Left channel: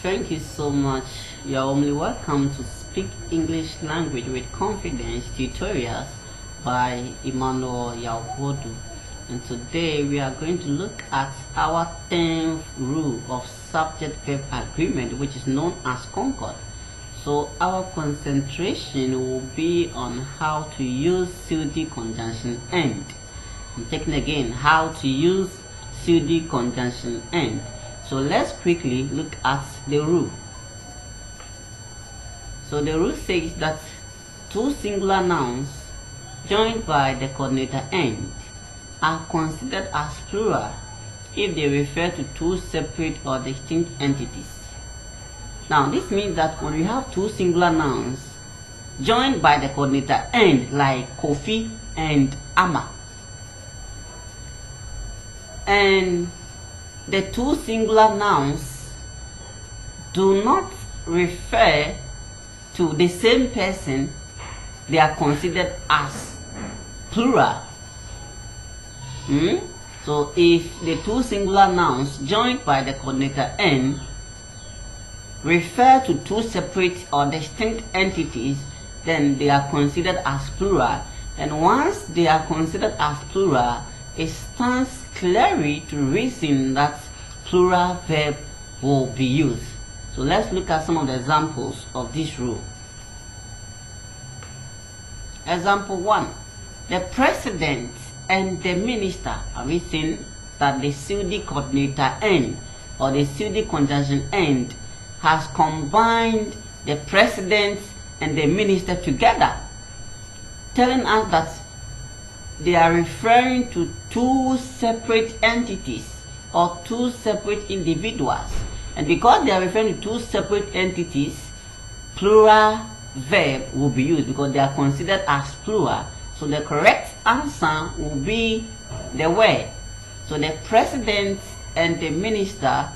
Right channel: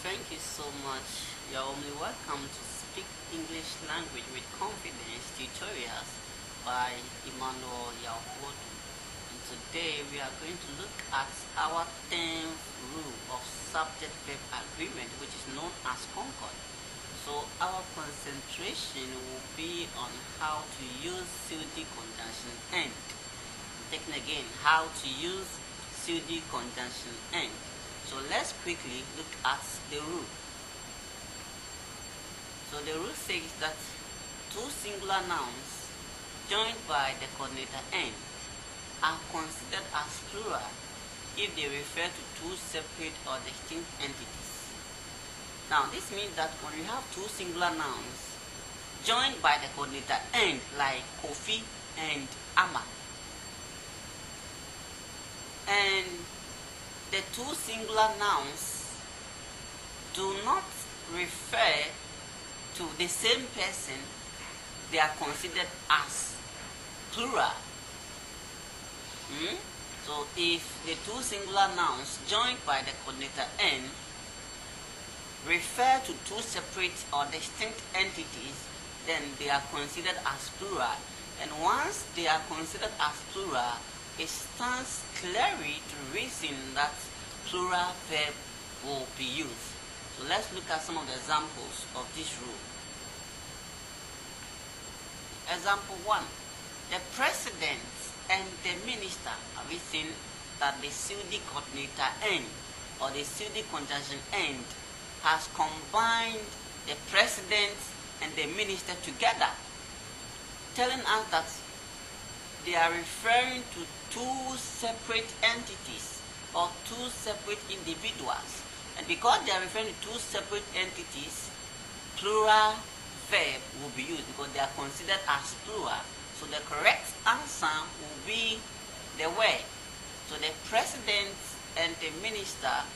Thank you so much. You're only welcome to Speak English Language with Confidence tutorials by Emmanuel Yawodu. And today we are going to look at our 10th rule of subject-verb agreement, which is known as Concord. So our concentration will be on how to use pseudo conjunction end. I'm taking again how to use pseudo conjunction end. So let's quickly look at the rule. So the rule says that two singular nouns joined by the coordinator end are considered as plural if they refer to two separate or distinct entities. Now this means that when you have two singular nouns joined by the coordinator end, like Kofi and Ama, and the two singular nouns do not refer to the same person, they are considered as plural. So if the two singular nouns joined by the coordinator n refer to two separate or distinct entities, then they are considered as plural. And once they are considered as plural, it stands clearly to reason that plural verb will be used. So let's look at some of the examples of this rule. Example 1. The president and the minister. Have we seen that the pseudo coordinator end or the pseudo conjunction end has combined the president and the minister together, telling us that they are referring to two separate entities or two separate individuals. And because they are referring to two separate entities, plural verb will be used because they are considered as plural. So the correct answer will be the word. So the president and the minister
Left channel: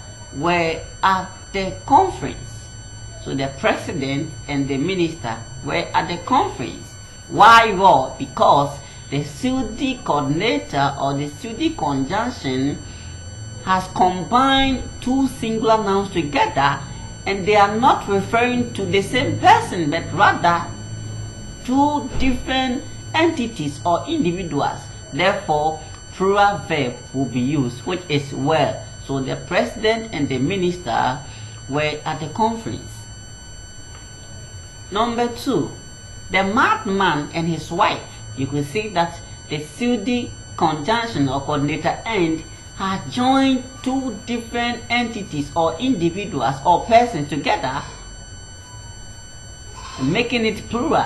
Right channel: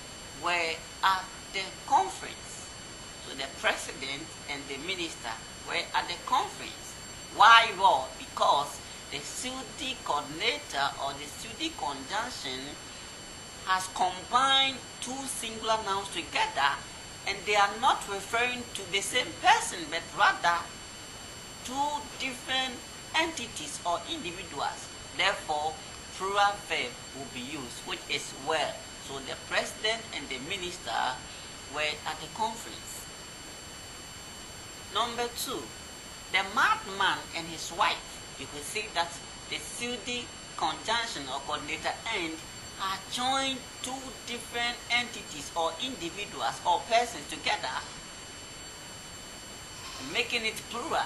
were at the conference. So the president and the minister were at the conference. Why? Well, because the pseudo coordinator or the pseudo conjunction has combined two singular nouns together, and they are not referring to the same person, but rather two different entities or individuals. Therefore, plural verb will be used, which is were. So the president and the minister were at the conference. Number 2, the madman and his wife. You can see that the pseudo conjunction or coordinator end has joined two different entities or individuals or persons together, making it plural.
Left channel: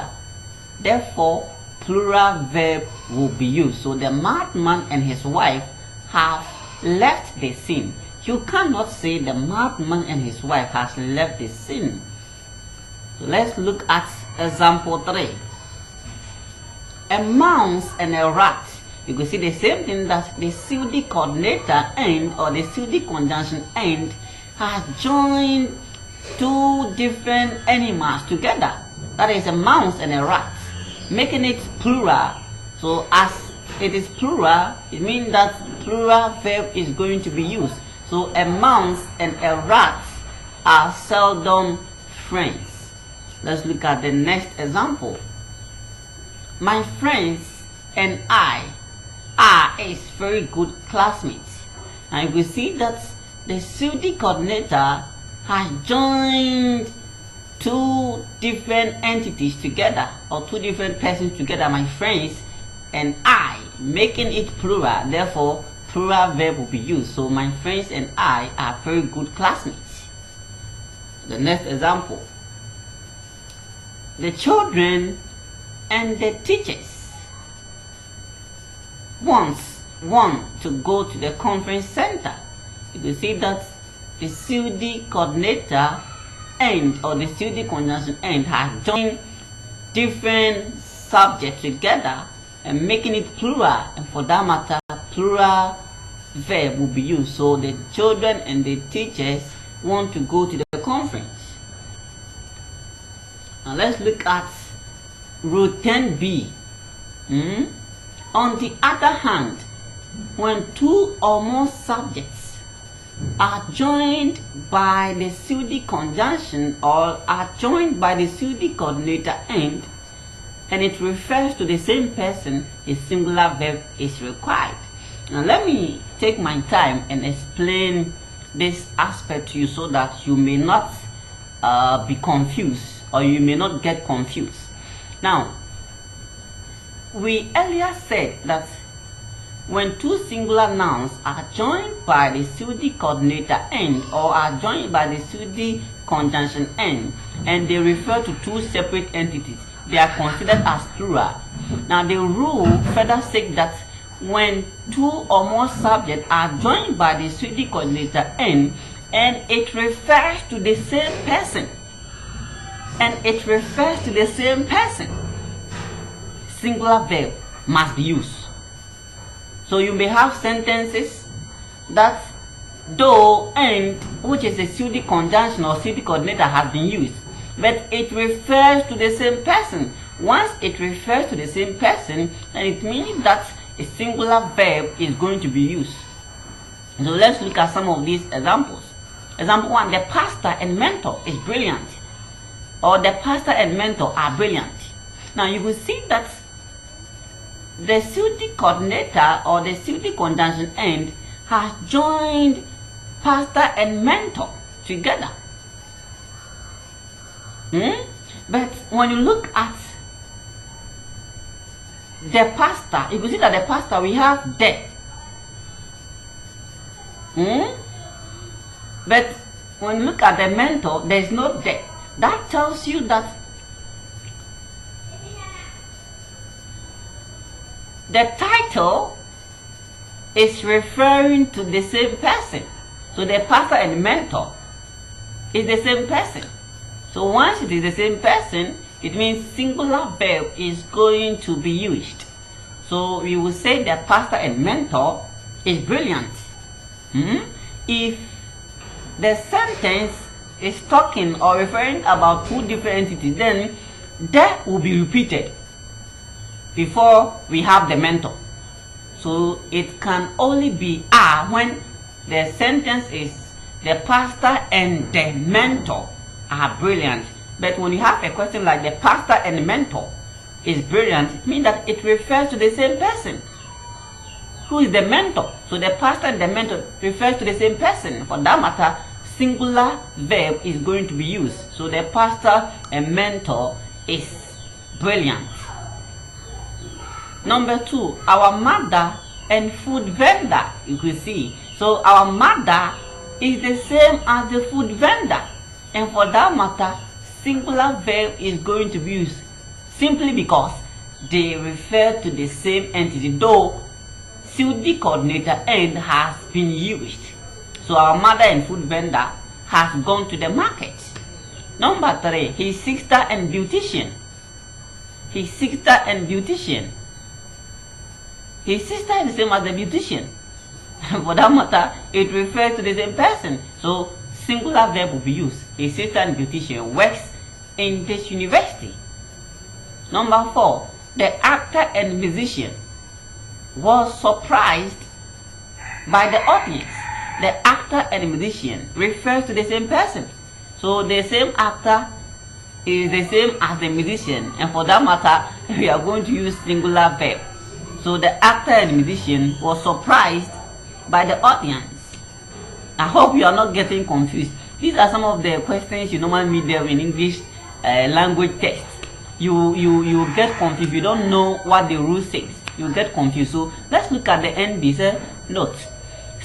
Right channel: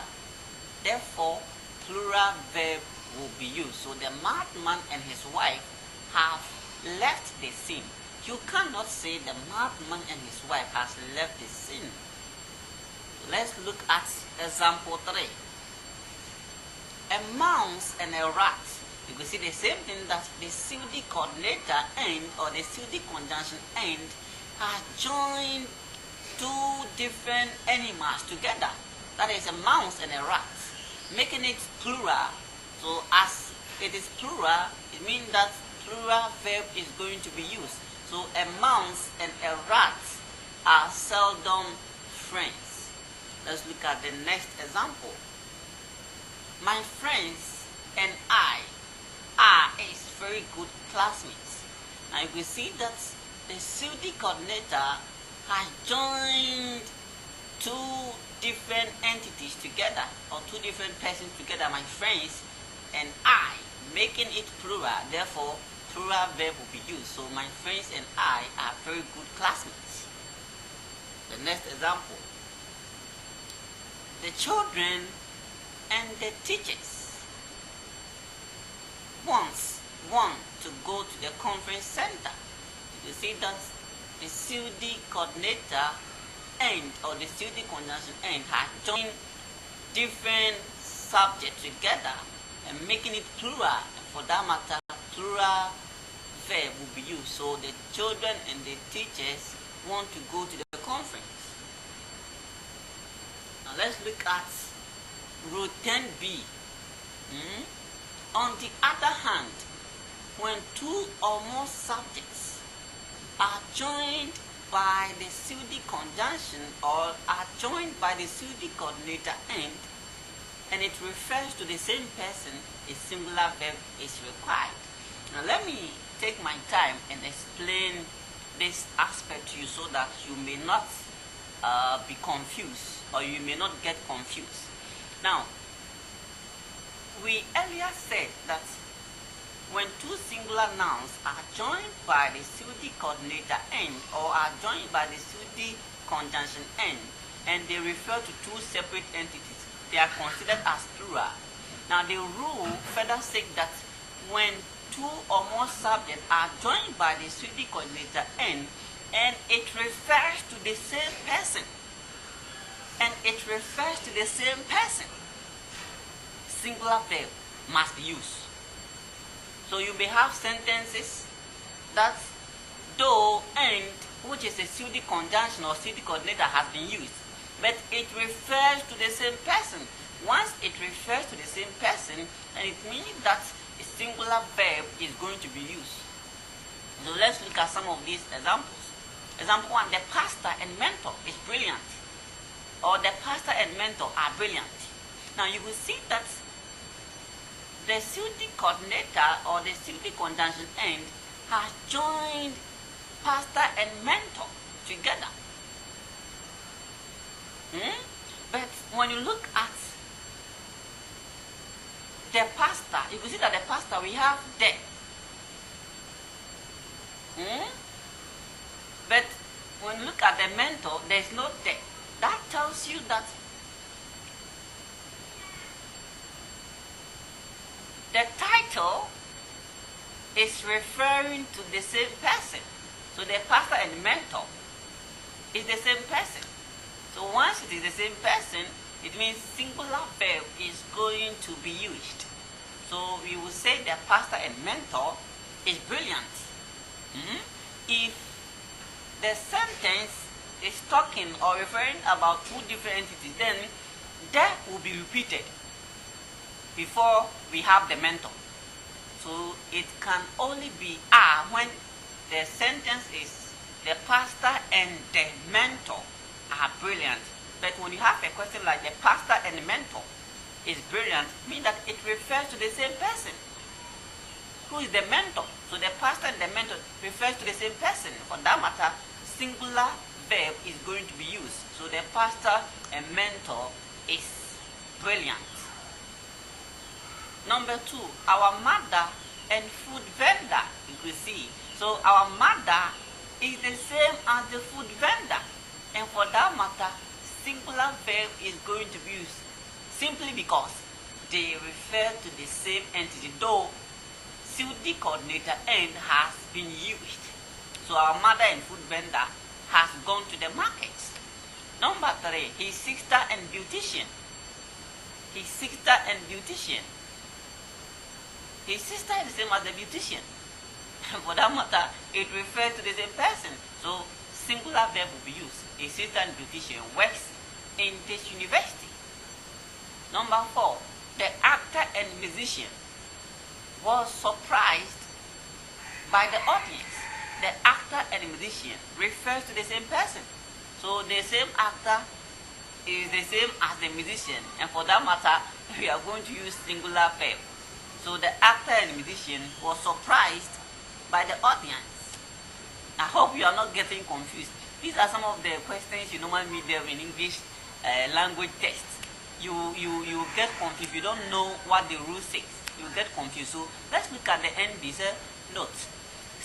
Therefore, plural verb will be used. So the madman and his wife have left the scene. You cannot say the madman and his wife has left the scene. So let's look at example 3. A mouse and a rat. You can see the same thing, that the pseudo coordinator end or the pseudo conjunction end has joined two different animals together. That is a mouse and a rat, making it plural. So as it is plural, it means that plural verb is going to be used. So a mouse and a rat are seldom friends. Let's look at the next example. My friends and I are very good classmates. And we see that the pseudo coordinator has joined two different entities together or two different persons together, my friends and I, making it plural. Therefore, plural verb will be used. So my friends and I are very good classmates. The next example. The children and the teachers want to go to the conference center. You can see that the pseudo coordinator end or the pseudo conjunction end has joined different subjects together and making it plural, and for that matter, plural verb will be used. So the children and the teachers want to go to the conference. Now let's look at rule 10b. On the other hand, when two or more subjects are joined by the pseudo conjunction or are joined by the pseudo coordinator and it refers to the same person, a singular verb is required. Now let me take my time and explain this aspect to you so that you may not be confused or you may not get confused. Now, we earlier said that when two singular nouns are joined by the pseudo coordinator and or are joined by the pseudo conjunction and they refer to two separate entities, they are considered as plural. Now the rule further says that when two or more subjects are joined by the pseudo coordinator and it refers to the same person, singular verb must be used. So you may have sentences that though and, which is a pseudo conjunction or pseudo coordinator, has been used, but it refers to the same person. Once it refers to the same person, then it means that a singular verb is going to be used. So let's look at some of these examples. Example 1, the pastor and mentor is brilliant, or the pastor and mentor are brilliant. Now you will see that the pseudo coordinator or the pseudo conjunction and has joined pastor and mentor together. But when you look at the pastor, you can see that the pastor we have the. But when you look at the mentor, there is no the. That tells you that the title is referring to the same person. So the pastor and mentor is the same person. So once it is the same person, it means singular verb is going to be used. So we will say that pastor and mentor is brilliant. If the sentence is talking or referring about two different entities, then that will be repeated before we have the mentor. So it can only be when the sentence is the pastor and the mentor are brilliant. But when you have a question like the pastor and the mentor is brilliant, it means that it refers to the same person. Who is the mentor? So the pastor and the mentor refers to the same person. For that matter, singular verb is going to be used. So the pastor and mentor is brilliant. Number 2, our mother and food vendor, you can see. So our mother is the same as the food vendor. And for that matter, singular verb is going to be used simply because they refer to the same entity, though pseudo coordinator and has been used. So our mother and food vendor has gone to the market. Number 3, his sister and beautician. His sister and beautician. His sister is the same as the beautician. For that matter, it refers to the same person. So singular verb will be used. His sister and beautician works in this university. Number 4, the actor and musician was surprised by the audience. The actor and musician refers to the same person. So the same actor is the same as the musician, and for that matter, we are going to use singular verb. So the actor and musician was surprised by the audience. I hope you are not getting confused. These are some of the questions you normally meet them in English language test. You get confused. You don't know what the rule says. You get confused. So let's look at the NB. Note,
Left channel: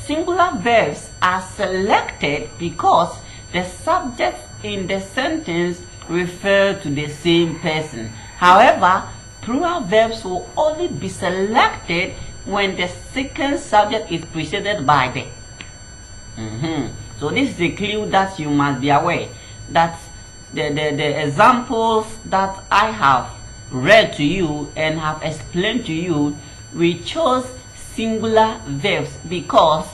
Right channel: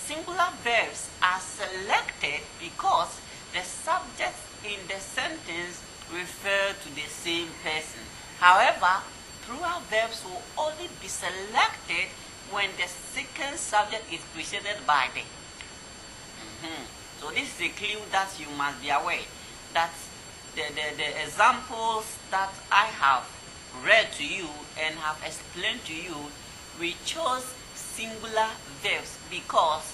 singular verbs are selected because the subjects in the sentence refer to the same person. However, plural verbs will only be selected when the second subject is preceded by the. So this is a clue that you must be aware that the examples that I have read to you and have explained to you, we chose singular verbs because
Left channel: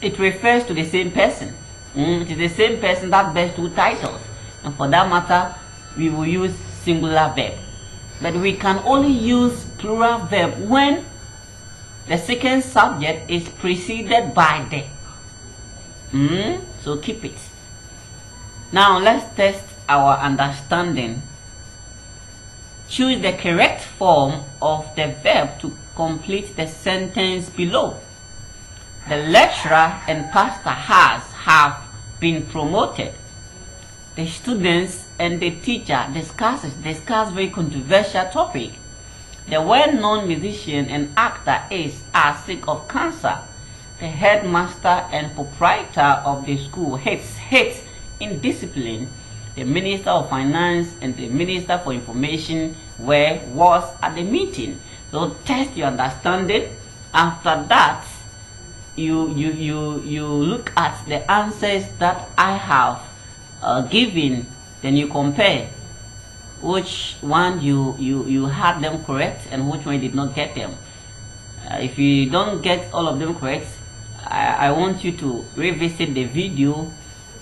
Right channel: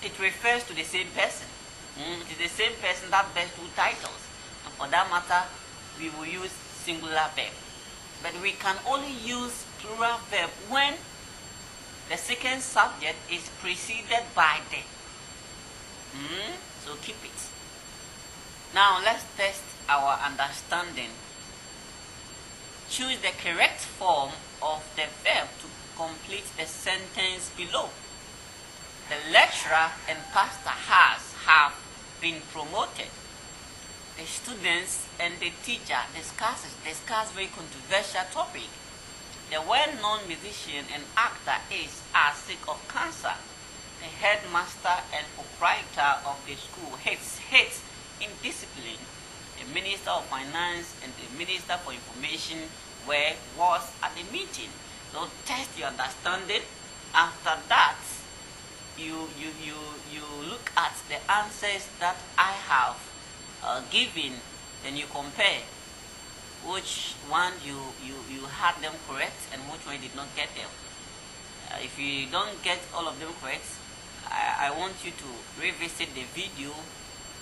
it refers to the same person. It is the same person that bears two titles, and for that matter, we will use singular verb. But we can only use plural verb when The second subject is preceded by the. So keep it. Now let's test our understanding. Choose the correct form of the verb to complete the sentence below. The lecturer and pastor have been promoted. The students and the teacher discuss very controversial topic. The well-known musician and actor are sick of cancer. The headmaster and proprietor of the school hates indiscipline. The minister of finance and the minister for information was at the meeting. So test your understanding. After that, you look at the answers that I have given. Then you compare which one you had them correct and which one you did not get them. If you don't get all of them correct, I want you to revisit the video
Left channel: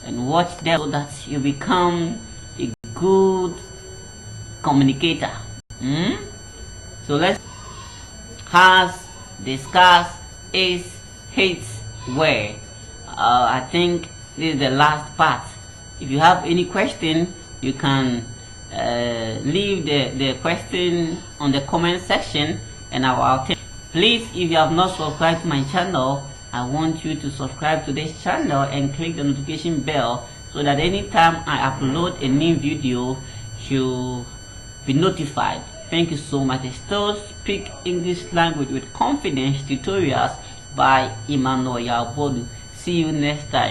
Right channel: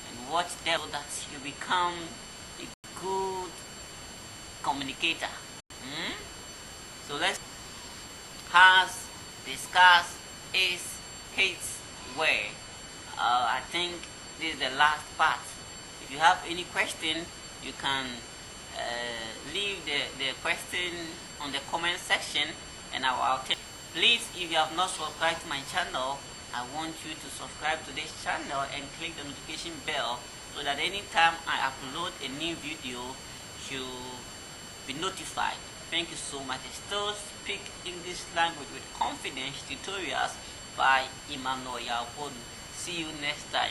and watch them so that you become a good communicator. So let's has, discuss, is, hates, where. I think this is the last part. If you have any question, you can leave the question on the comment section and I'll take. Please, if you have not subscribed to my channel, I want you to subscribe to this channel and click the notification bell so that anytime I upload a new video, you'll be notified. Thank you so much. Still Speak English Language with Confidence tutorials by Emmanuel Yabodu. See you next time.